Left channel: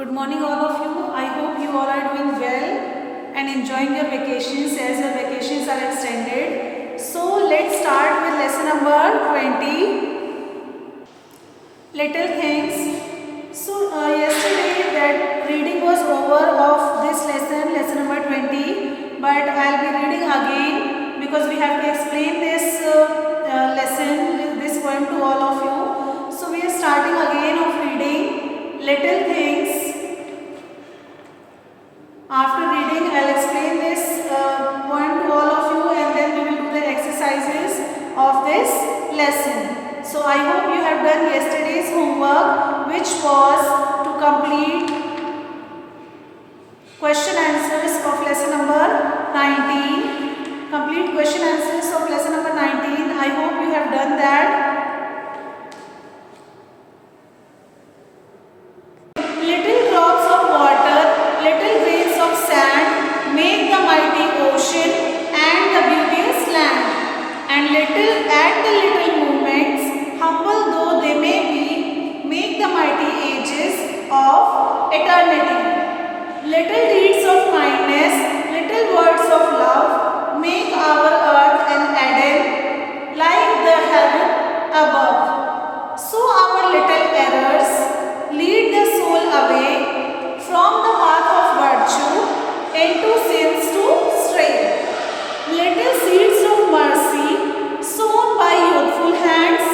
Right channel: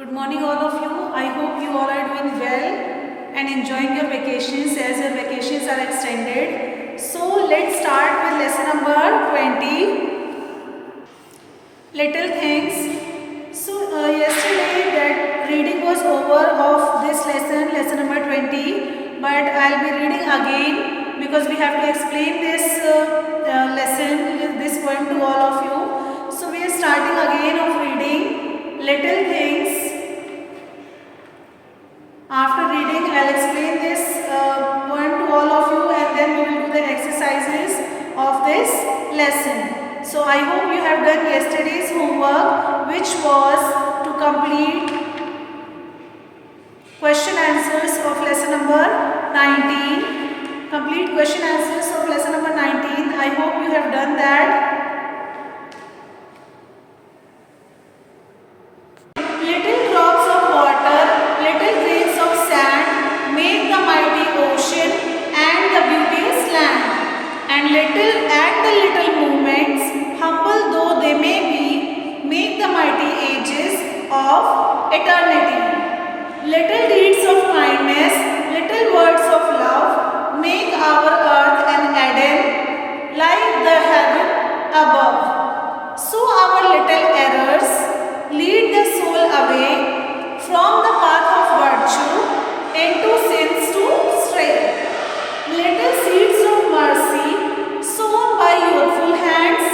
Good morning all of you. I hope you all are doing well and enjoying your vacations as your vacations are extended. So let's start with lesson number 20. Little things. So yesterday that reading was over of this lesson number 20, but I'll be reading again because we have to explain this lesson, this poem to all of you. So we are starting again of reading Little Things. After reading, I'll explain this poem to all of you and then we will do the exercises of this lesson. So I hope you have done yesterday's homework, which was to complete question answers of lesson number 19. Complete question answers of lesson number 19. I hope you have done that. Little drops of water, little grains of sand make the mighty ocean and the beauteous land. And little movements, humble though they may be, make the mighty ages of eternity. Little deeds of kindness, little words of love make our earth an Eden like the heaven above. So our little errors lead the soul away from the path of virtue into sins to stray. Little seeds of mercy sown by youthful hands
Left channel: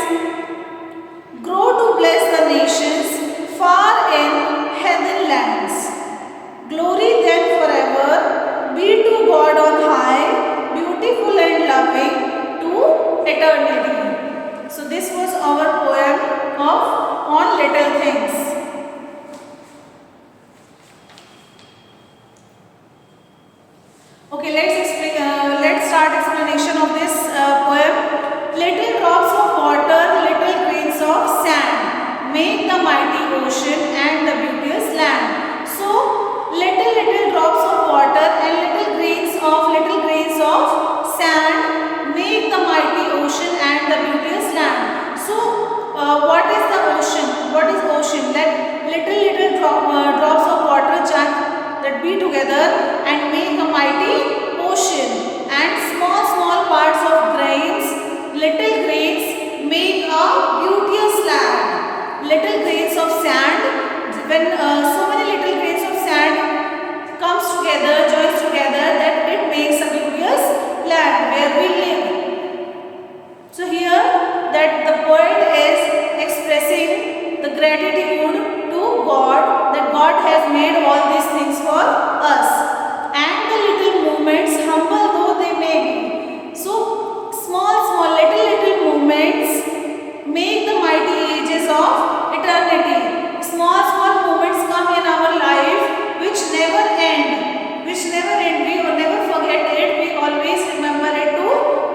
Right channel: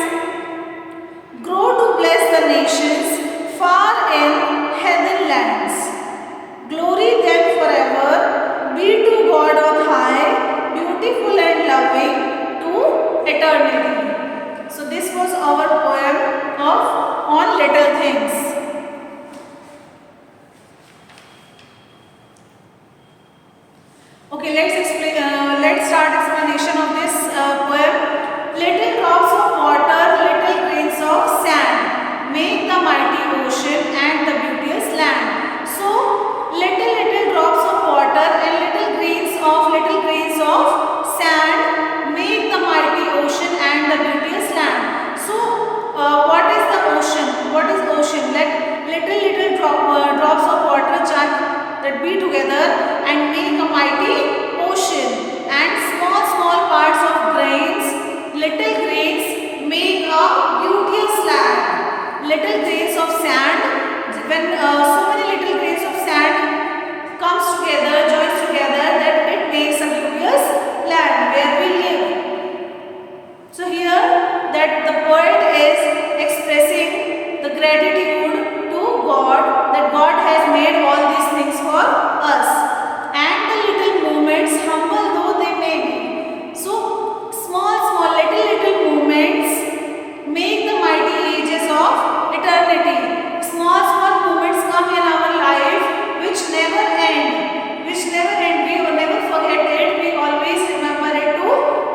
grow to bless the nations far in heaven lands. Glory then forever be to God on high, beautiful and loving to eternity. So this was our poem of On Little Things. Okay, let's start explanation of this poem. Little drops of water, little grains of sand make the mighty ocean and the beauteous land. So, little drops of water and little grains of sand make the mighty ocean and the beauteous land. So, what is the ocean? What is ocean? Let little drops of water that be together and make a mighty ocean, and small parts of little grains make a beauteous land. Little grains of sand, when so many little grains of sand comes together, joins together, that it makes a beauteous land where we live. So here that the poet is expressing the gratitude to God, that God has made all these things for us. And the little movements, humble though they may be. So small little movements make the mighty ages of eternity. Small movements come in our life which never end. We will never forget it. We always remember it to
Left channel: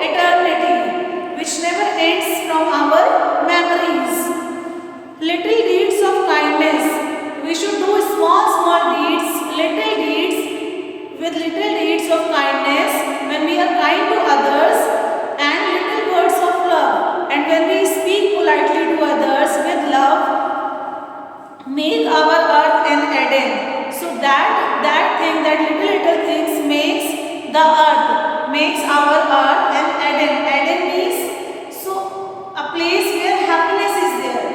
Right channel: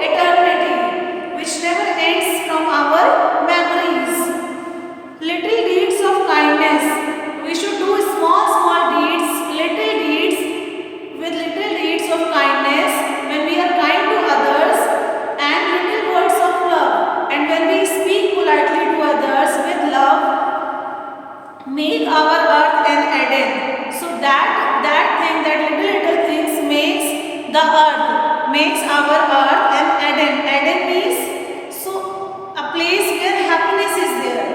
eternity, which never ends from our memories. Little deeds of kindness. We should do small deeds, little deeds with little deeds of kindness when we are kind to others, and little words of love. And when we speak politely to others with love, make our earth an Eden. So that little things makes the earth, makes our earth an Eden. Eden means so a place where happiness is there,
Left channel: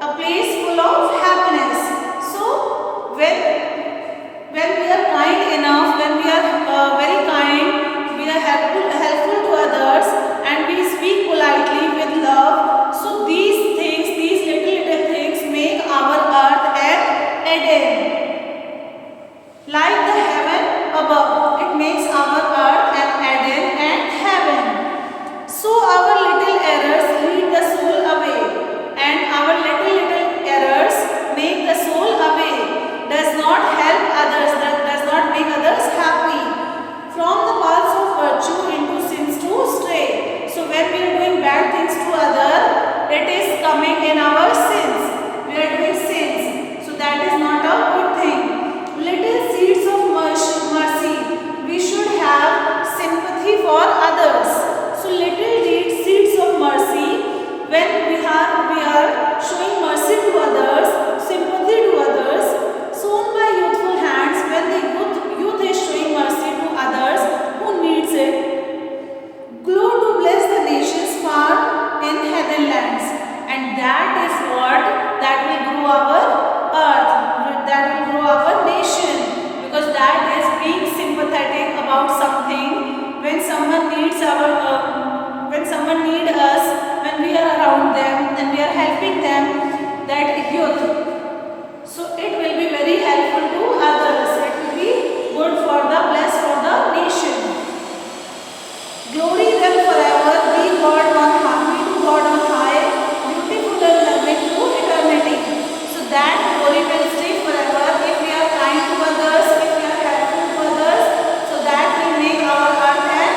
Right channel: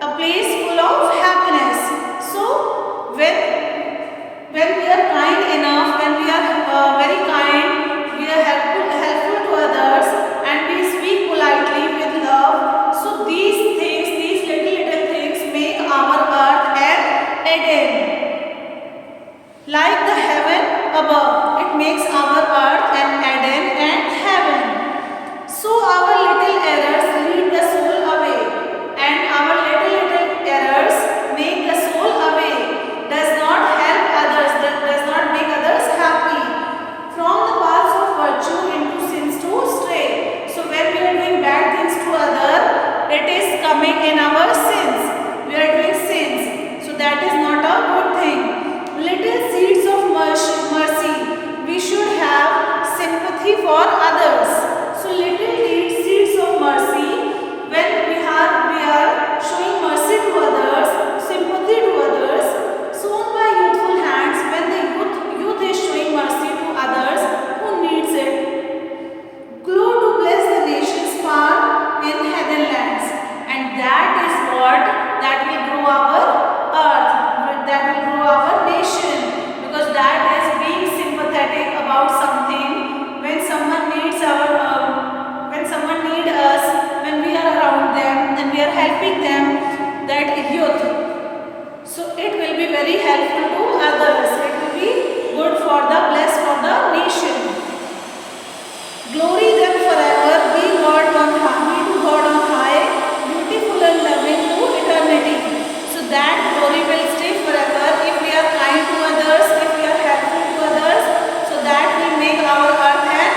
a place full of happiness. So when we are kind enough, when we are very kind, we are helpful to others, and we speak politely with love. So these little things make our earth an Eden, like the heaven above. It makes our earth an Eden and heaven. So our little errors lead the soul away, and our little errors make the soul away. Does not help others, does not make others happy. From the paths of virtue into sins to stray. So when we are doing bad things to others, it is coming in our sins. We are doing sins. So that is not a good thing. Little seeds of mercy. We should have sympathy for others. So little seeds of mercy. When we are showing mercy about something, when someone needs when someone need us, when we are around them and we are helping them, that youth. So it will be very helpful to others. It will be good for the blessed for the nation. Glory then forever, be God on high, to God on high, beautiful and loving to eternity. So that glory will stay forever if we are kind to others, if we are helpful to others. So that will make our earth an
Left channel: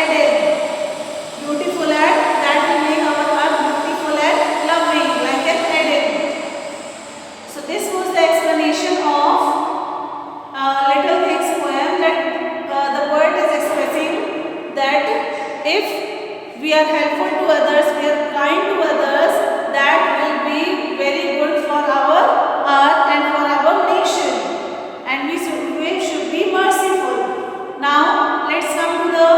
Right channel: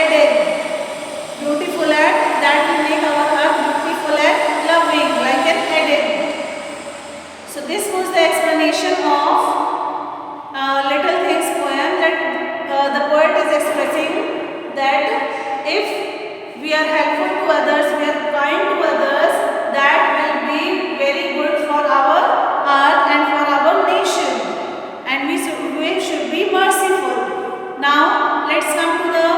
Eden. Beautiful and that will make our earth beautiful and loving like an Eden. So this was the explanation of Little Things poem, that the poet is expressing that if we are helpful to others, we are kind to others, that will be very good for our earth and for our nation, and we should be merciful. Now let's come to the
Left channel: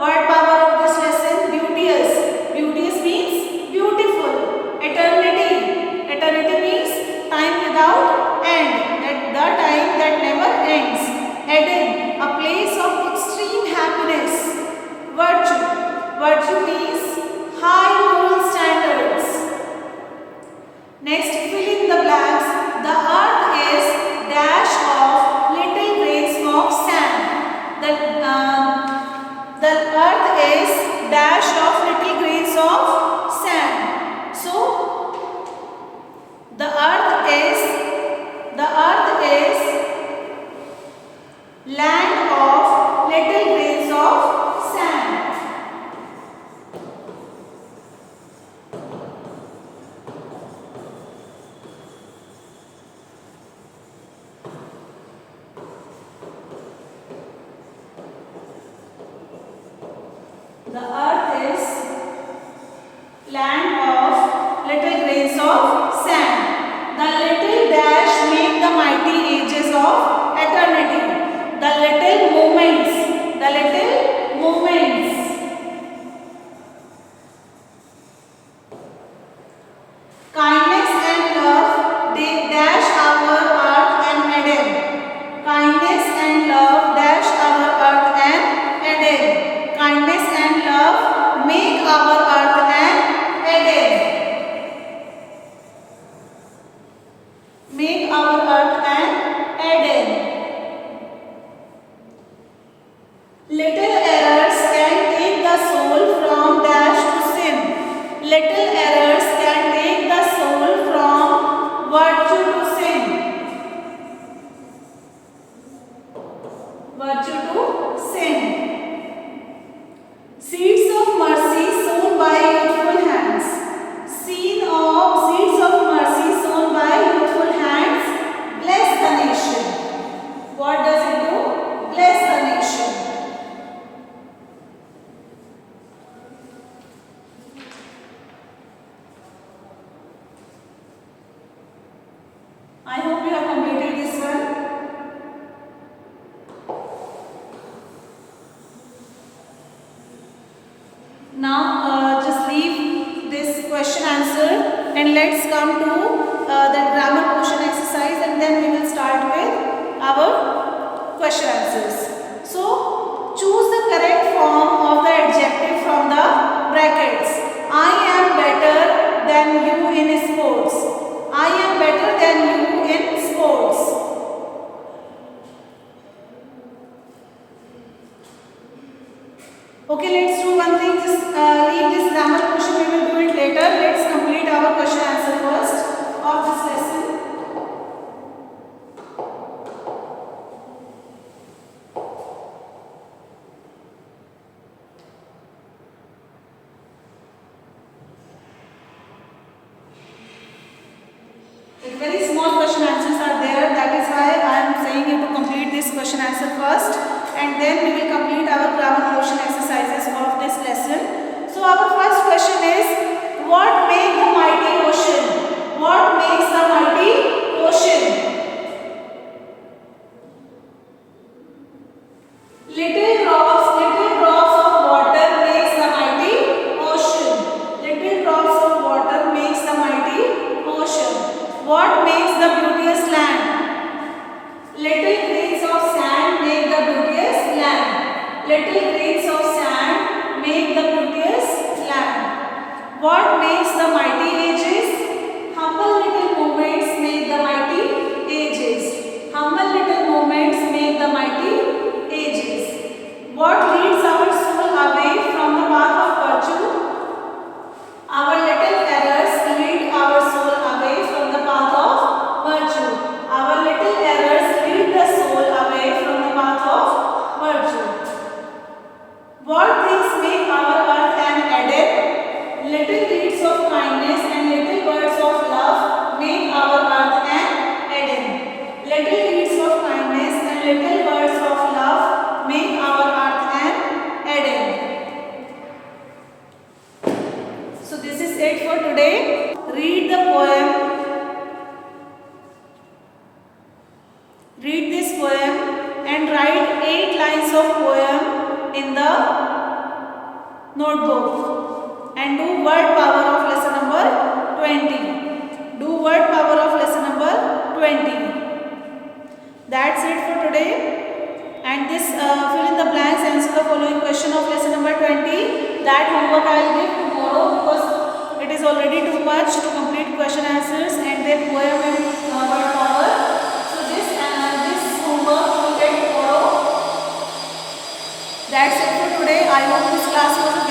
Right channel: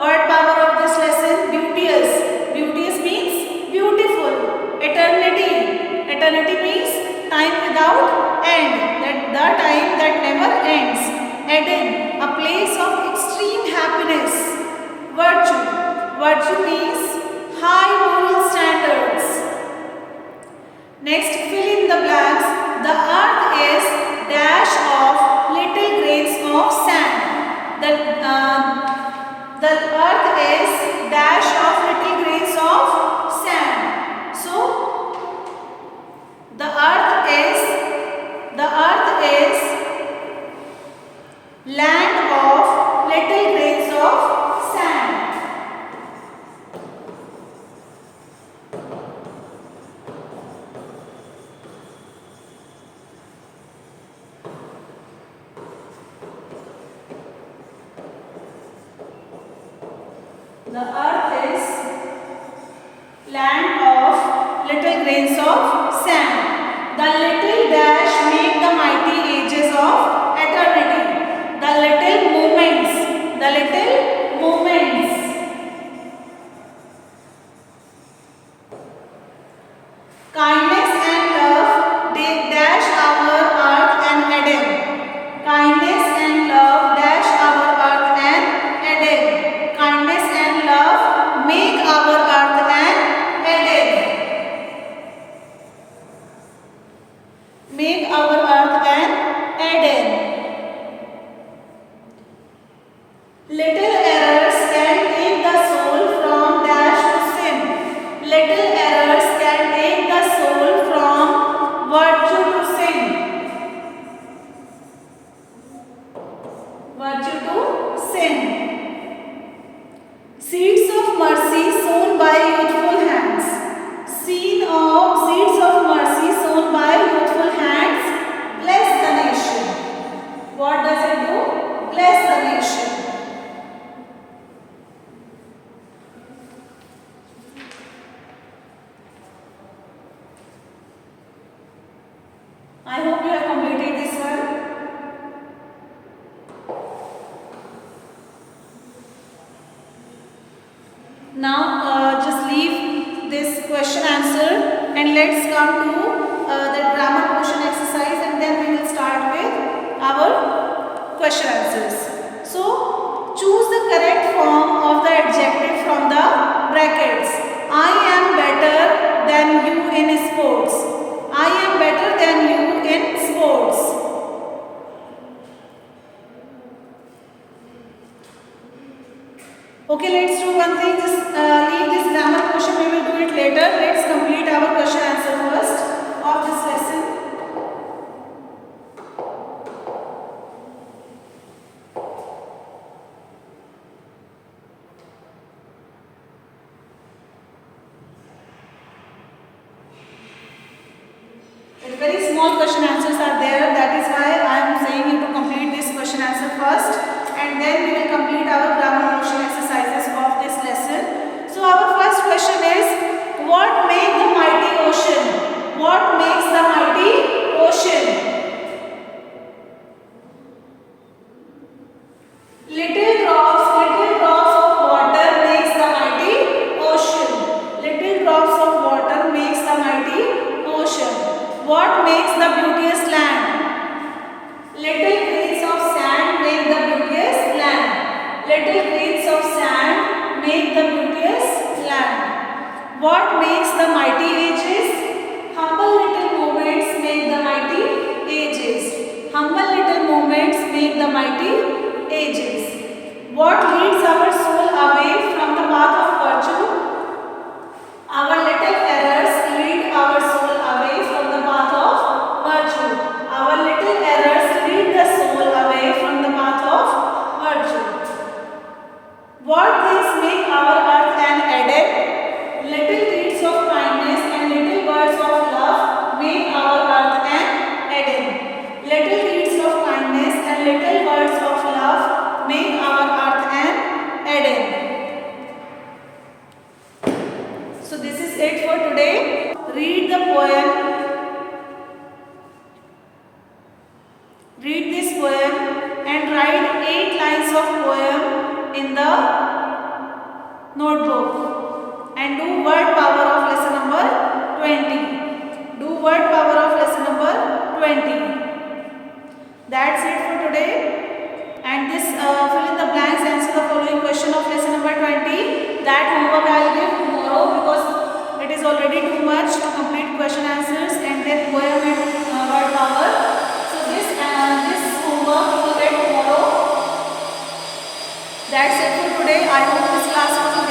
word power of this lesson. Beauteous. Beauteous means beautiful. Eternity. Eternity means time without end, that the time that never ends. Eden, a place of extreme happiness. Virtue. Virtue means high moral standards. Next, fill in the blanks. The earth is dash of little grains of sand. The earth is dash of little grains of sand. So the earth is land of little grains of sand. The earth is land of little grains of sand. The little dash make the mighty ages of eternity. The little moments. The little moments. Kindness and love, they dash our earth and Eden. Kindness and love dash our earth and Eden. Kindness and love make our earth and Eden. Make our earth and Eden. Little errors can take the soul from dash to sin. Little errors can take the soul from virtue to sin. Virtue to sin. Seeds of mercy sown by youthful hands. Seeds of mercy sown by youthful hands bless the nation. What does it do? Bless the nation. I hope you have completed this one. Now just leave this question answer and let's come to the grammar portion exercise, and then we will start with our question answers. So choose the correct form of the adjective from the brackets. I am better than you in sports. I am better than you in sports. Okay, let's do one thing. Leave this grammar question. We will do it later. Let's complete our question answer first of this lesson. Very small question answers are there. That is why I am saying you to complete this question answer first, and then we will complete our grammar portion exercises of this lesson. So our first question is, what makes the mighty ocean? What makes the mighty ocean? Little drops of water makes the mighty ocean. Little drops of water makes the mighty ocean. What makes the beauteous land? Little deeds of kindness and little words of love make our earth an Eden. So this is it for today. Read the poem. Read this poem and write 8 lines of poem in the notebook. And do word power of lesson number 20. Do word power of lesson number 20. That's it for today. And this fill in the blanks, answer the following question of lesson number 20. That homework I will give tomorrow because it is already too much to complete question answers and then poem and word power. So this homework you will get tomorrow. That's it for today. I hope this class was